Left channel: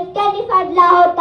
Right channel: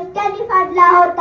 राजांनी एकट्याने फाडला होता.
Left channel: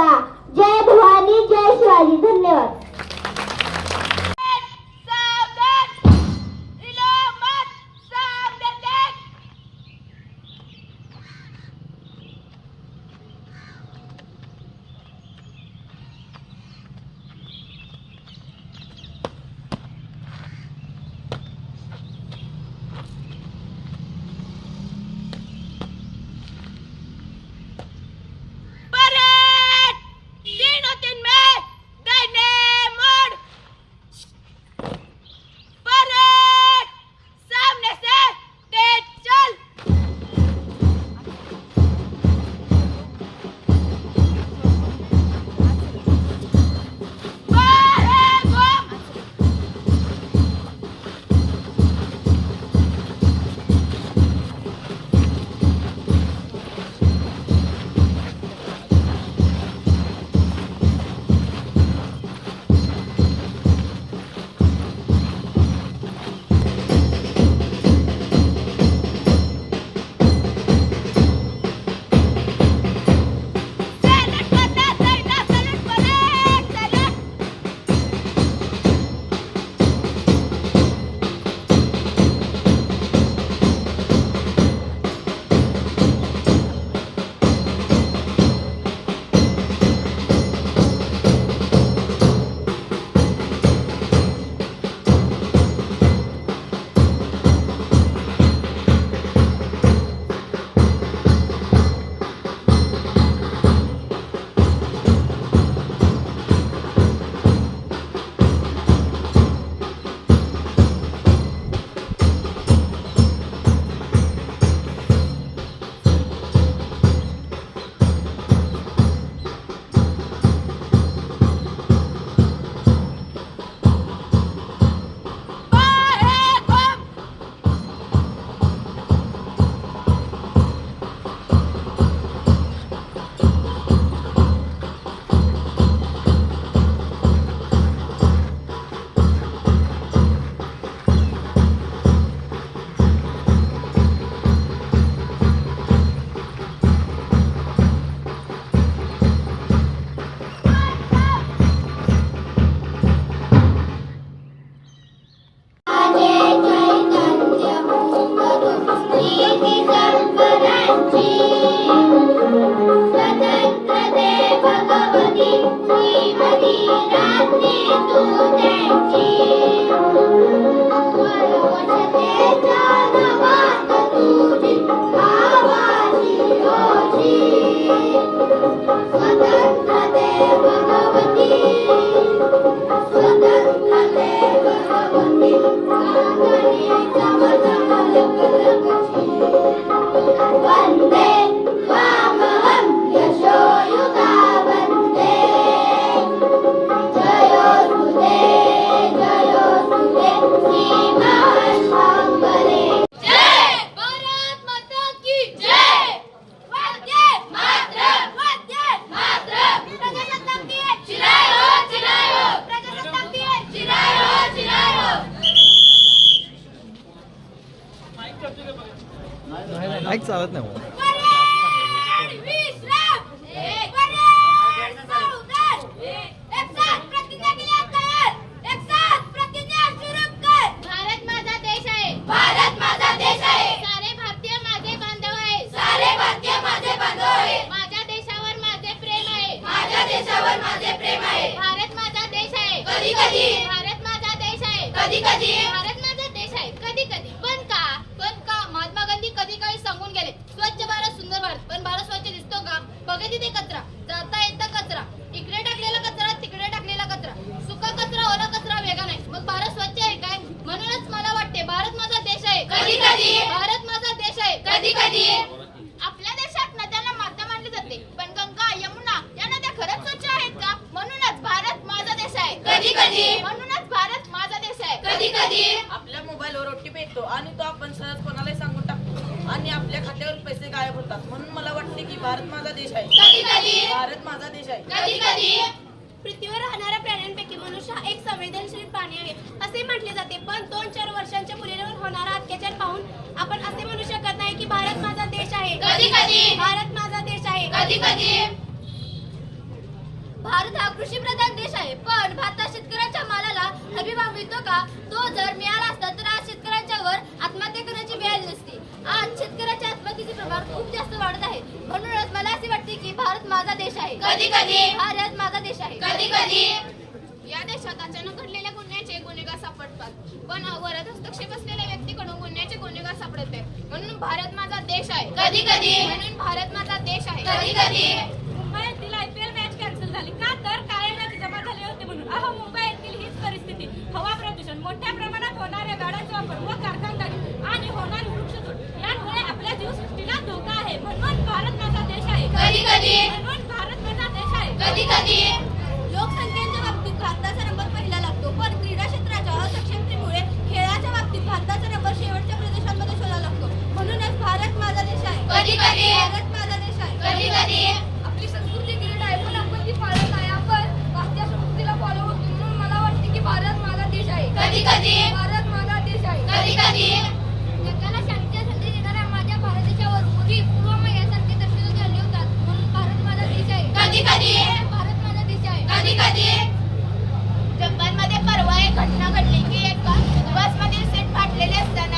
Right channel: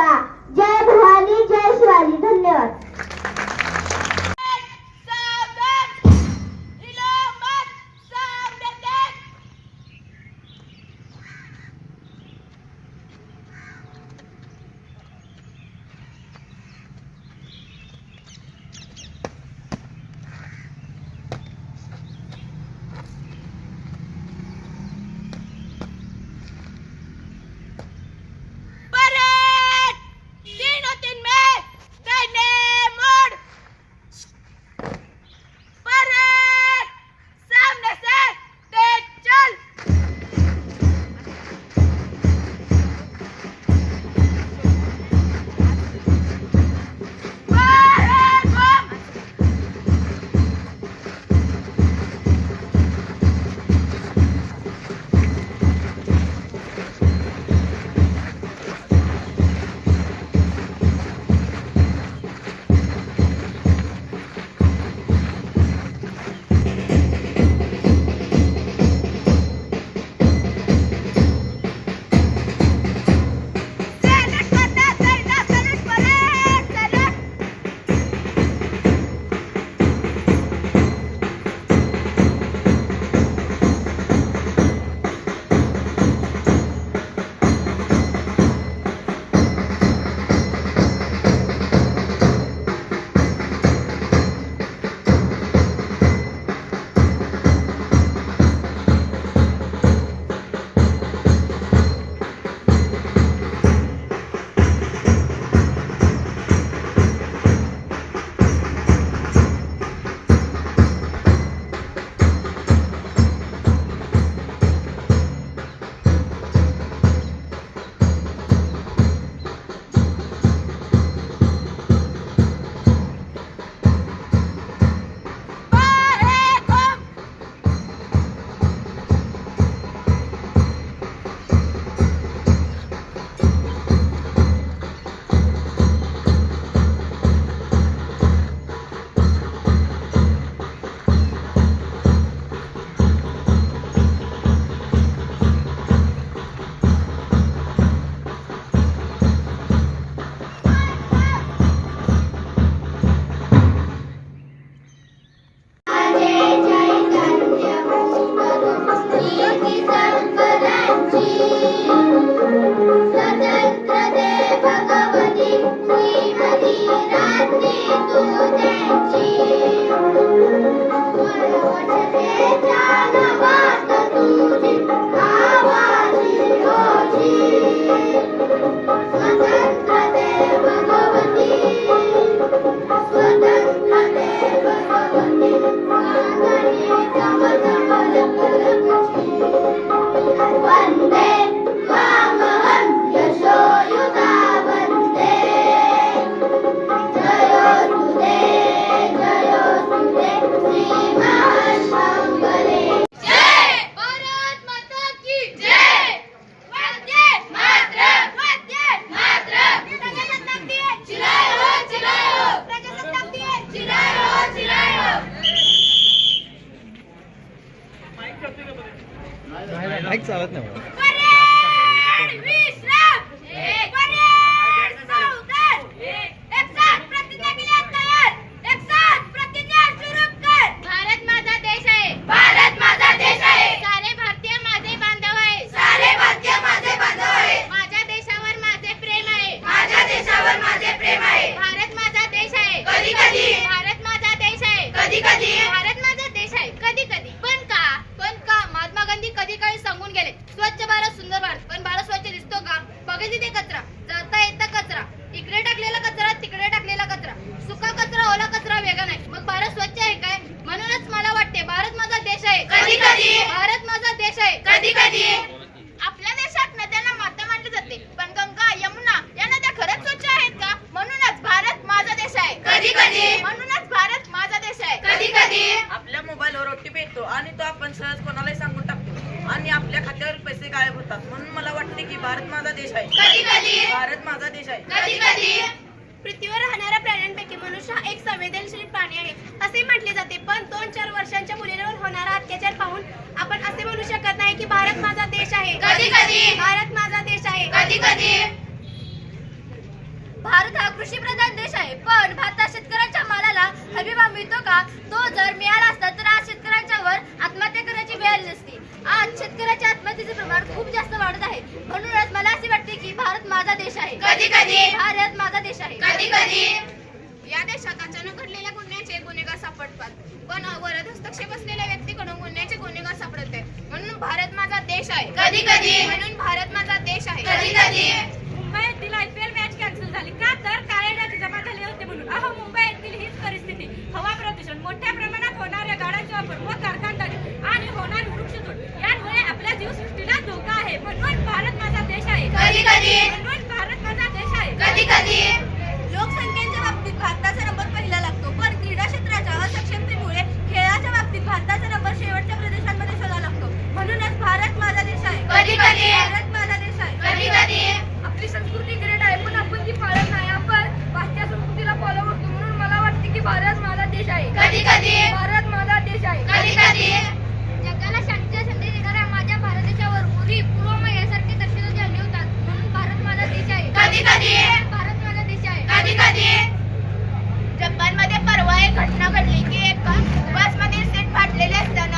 कधी कधी? भारत माझा देश आहे. कधी कधी? आपल्या देशात नद्यांना माता मानले जाते. पण गंगा यमुना या नद्या खरंच स्वच्छ आहेत का? म्हणूनच भारत माझा देश आहे. कधी कधी? म्हणूनच भारत माझा देश आहे. कधी कधी? आपल्या मोबाईलवर ओटीपी येतो आणि तो आपण सहज कोणालाही सांगून टाकतो. आणि आपल्या खात्यावर पैसे गायब होतात. म्हणून मला वाटते की भारत माझा देश आहे. कधी कधी? भारत माझा देश आहे. कधी कधी? पृथ्वीवर राहणाऱ्या प्राण्यांपैकी मनुष्य हा एक संवेदनशील प्राणी आहे. असे म्हटले जाते पण दोन अत्याचार पाहून आपण असे म्हणू शकत नाही की भारत माझा देश आहे. कधी कधी. भारत माझा देश आहे. कधी कधी. भारत हा कृषी प्रधान देश आहे पण भारतात शेतकऱ्यांच्या मालाला हमी भाव मिळतो का? तो जर मिळाला असता तर आज शेतकऱ्यांच्यावर आत्महत्या करण्याची वेळ नसती. आज शेतकऱ्याच्या आत्महत्येचे प्रमाण खूप जास्त वाढत आहे. म्हणूनच मला असे वाटते की भारत माझा देश आहे. कधी कधी. भारत माझा देश आहे. कधी कधी. देशात अचानक घडलेल्या गुन्ह्याचे गुन्हेगार सापडतात. पण वरद हस्तक्षेप असलेल्या व्यक्तीकडून गुन्ह्याचे गुन्हेगार सापडत आहेत. म्हणून भारत माझा देश आहे. कधी कधी? म्हणून भारत माझा देश आहे. कधी कधी? मुंबईतील आयपीएल मॅच कॅन्सल झाली. का तर काळे डाग जमा झाले होते म्हणून. अहो मुंबईतील हीच परिस्थिती. हवा प्रदूषण मोठ्या प्रमाणात होणाऱ्या गाड्यांचा वापर व कारखानदारी आणि होणारी वृक्षतोड यामुळे आपल्या जीवसृष्टीला धोका आहे. म्हणून भारत माझा देश आहे. कधी कधी? म्हणून भारत माझा देश आहे. कधी कधी? भारत माझा देश आहे. कधी कधी? भारत माझा देश आहे. कधी कधी? आपली संस्कृती ग्रेट आहे पण आपण ती पाळत नाही. आपण पाश्चात्य संस्कृतीला फॉलो करतो म्हणून मला वाटते की भारत माझा देश आहे. कधी कधी? भारत माझा देश आहे. कधी कधी? जगाला शांतीचा संदेश देणाऱ्या माझ्या भारत देशावर उरी पूर्वमय यासारखे दर्शन झाले होतात. म्हणून भारत माझा देश आहे. कधी कधी? भारत माझा देश आहे. कधी कधी? जपानमध्ये परवा एक घटना घडली की एका बसमधील सीट फाटलेली असताना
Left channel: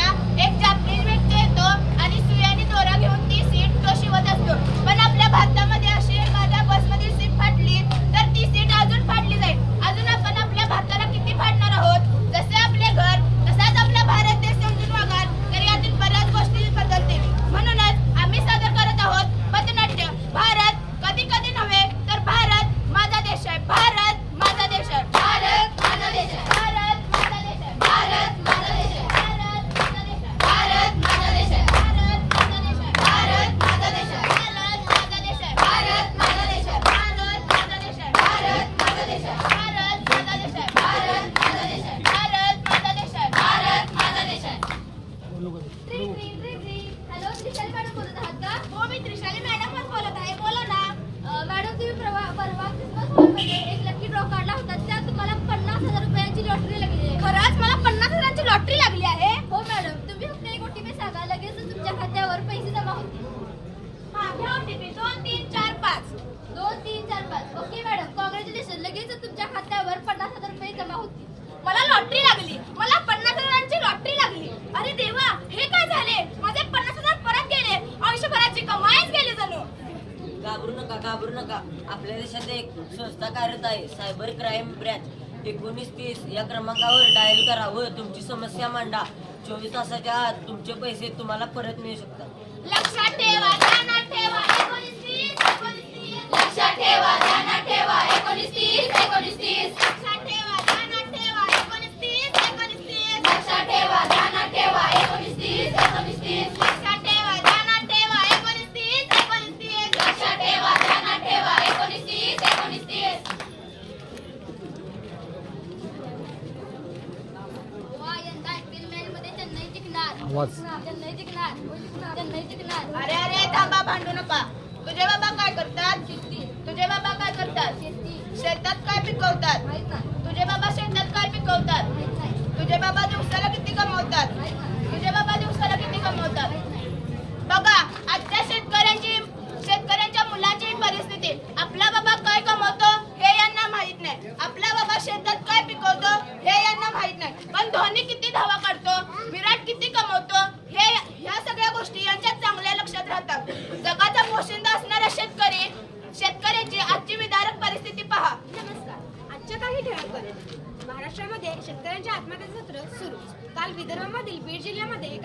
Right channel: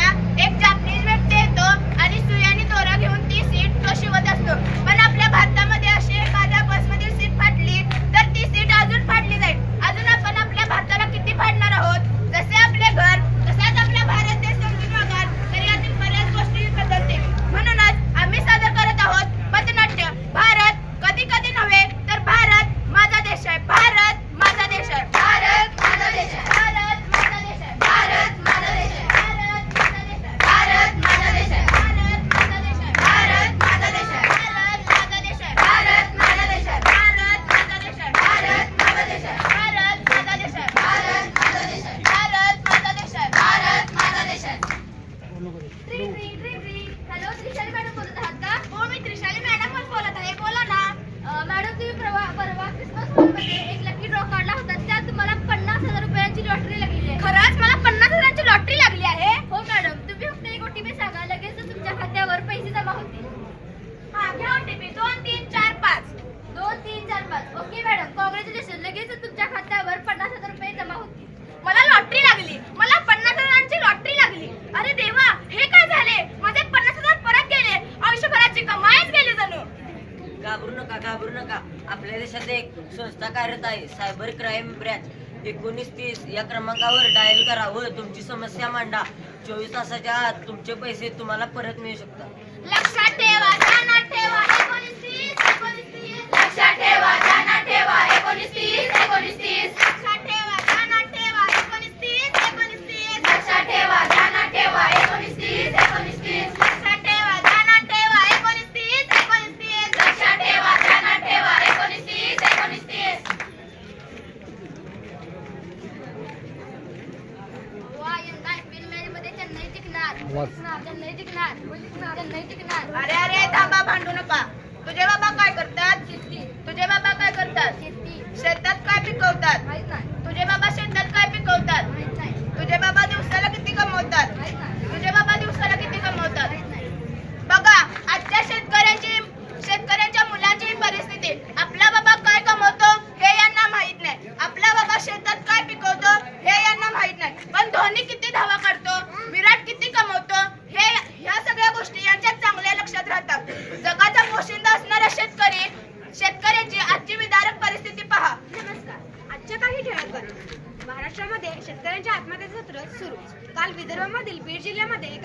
घाबरू नका घाबरू नका. आपल्या देशात एक संस्था कार्यरत आहे सायबर क्राईम ब्रँच. एकोणीस तीस या क्रमांकावर डायल करा. व तुमची समस्या मांडा. चोवीस तासाच्या आत तुमचे पैसे तुम्हाला परत मिळू शकतात. लक्षात ठेवा ध्यानात ठेवा. एकोणीस तीस एकोणीस तीस. लक्षात ठेवा ध्यानात ठेवा. एकोणीस तीस एकोणीस तीस लक्षात ठेवा ध्यानात ठेवा एकोणीस तीस एकोणीस तीस लक्षात ठेवा ध्यानात ठेवा एकोणीस तीस एकोणीस तीस लक्षात ठेवा ध्यानात ठेवा एकोणीस तीस एकोणीस तीस लक्षात ठेवा ध्यानात ठेवा एकोणीस तीस एकोणीस तीस वा यंदा आयपीएल मॅच मध्ये चेन्नई जिंकणार आवाज. चेन्नई जिंकणार चेन्नई जिंकणार अरे अरे थांबा भांडू नका.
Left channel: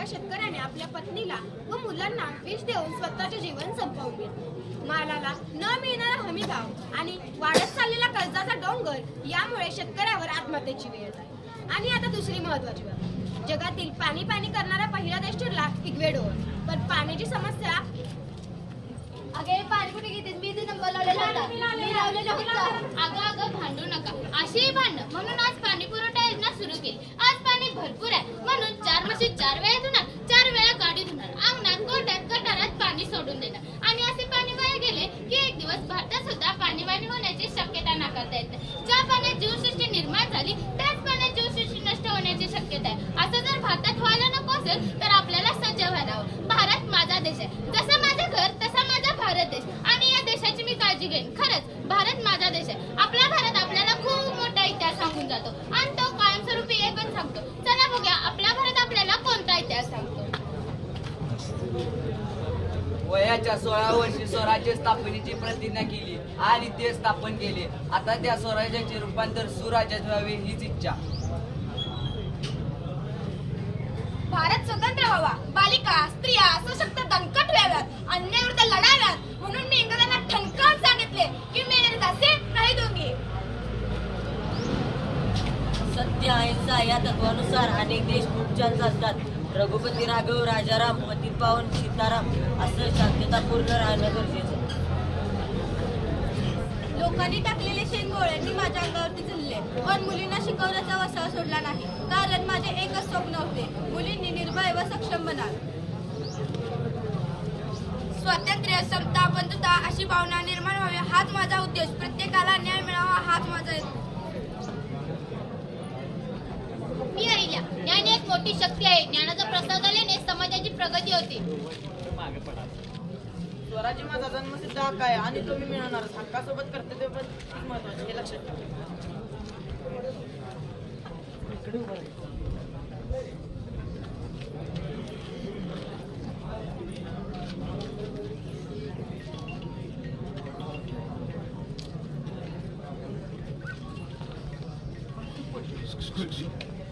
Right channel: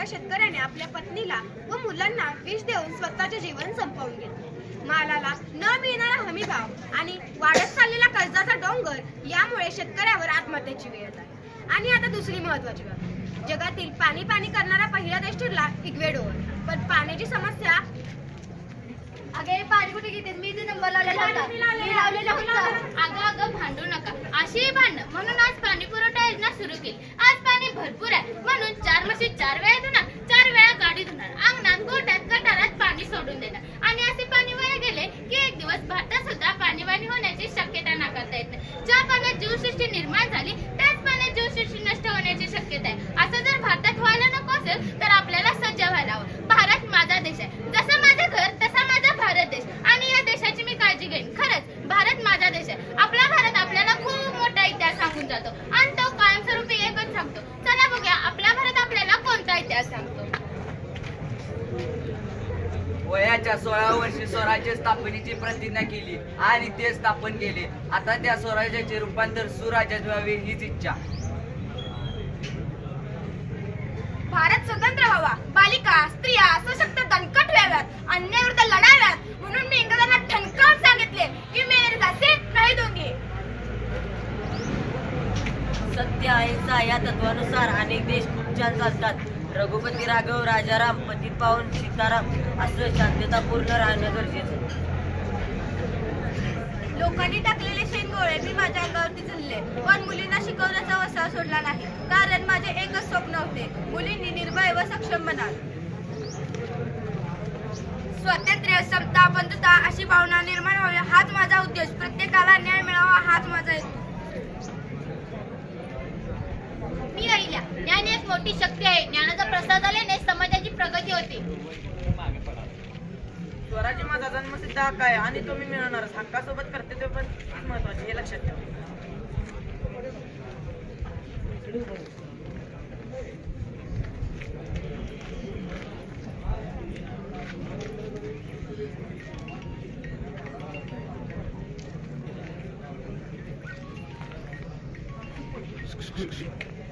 शेतकऱ्याने आपल्या पत्नीला व मुलांना विष देऊन स्वतःचे जीवन संपवून घेतले. मालाला न मिळणारा हमी भाव आणि वाढत चाललेला कर्जाचा डोंगर यामुळे शेतकऱ्यावर आत्महत्येची वेळ येत आहे आणि आता दुसरी महत्वाची बाब. जगातील पाणी पाणी करणारा पहिला देश ठरला इक्वेडोर पण पाण्याची समस्या अगे पाणी कुठे घेते मी ते नंबर लावलेला होता. मी लावलेला होता. अगं अगं भांडू नका. अशी भांड म्हणून आज पाणी पुरवठा योजना सुरू केली. आज पाणी भरपूर आहे. म्हणून चार म्हशी चार वेळा धुणार चार वेळा गाडी धुणार अंगणात गोट्यात गटारात पाणी सोडून देणार आणि असे पाणी वाया गेले की एक दिवस भारतात सुद्धा पाणीवाणी होण्याची शक्यता नाकारता येत नाही ज्या पाण्यात जीवसृष्टी निर्माण झाली त्याच पाण्यात जीवसृष्टी नष्ट होण्याची शक्यता आहे असं जर भारतात व्हायला नको असेल तर आपल्याला सज्ज व्हायला हवं भारत माझा देश आहे जसं माझं घर तसा माझा भारत देश आणि या देशाची मी काळजी घेईन खरंच भारत माझा देश आहे आपला भारत आपल्याला खूप मोठा इतिहास सांगून जातो आणि तो कायमस्वरूपी एकच सांगतो चला बघूया आपला भारत आपल्याला कोणता इतिहास सांगतो वयाच्या सोळा वर्षी स्वराज्य स्थापनेची प्रतिज्ञा केली आणि ते स्थापन केले. आता त्या स्वराज्याचे रूपांतर सुराज्यात व्हावे हीच इच्छा. भारत स्वतंत्र व्हावा. बालिका स्त्रिया सशक्त दणकट व्हाव्यात अन्यायाविरुद्ध लढाव्यात. म्हणून मी इंग्रजांना ठणकावून सांगितले की मेरे दासे नाही दोन्ही. सत्य अहिंसा या तत्वानुसार अनेक देश खूप छान चालतात. रघुपती राघव राजाराम पती पावन सीताराम असं शांततापूर्ण राहणं गरजेचं लोकांनी टाकलेले शेंगोळे मी माझ्या अंगावरती झुलले. पण मुलींना शिकवण्याचा वसा सोडला नाही. कारण माझे एकच स्वप्न होते. मुलींनी निर्भय व सक्षम बनावे. स्वातंत्र्य समता बंधुता अशी भावना निर्माण व्हावी. हाच माझा उद्देश. प्रत्येकाला न्याय मिळावा हाच माझा ज्ञान एक मोठी शक्ती आहे. ज्ञानाचा प्रसार झाल्याने समाजाची प्रगती होते. स्वराज्य माझा जन्मसिद्ध हक्क आहे आणि तो मी मिळवणारच. हक्कासोबत कर्तव्य पण महत्त्वाचे हे लक्षात ठेवा. Excuse me.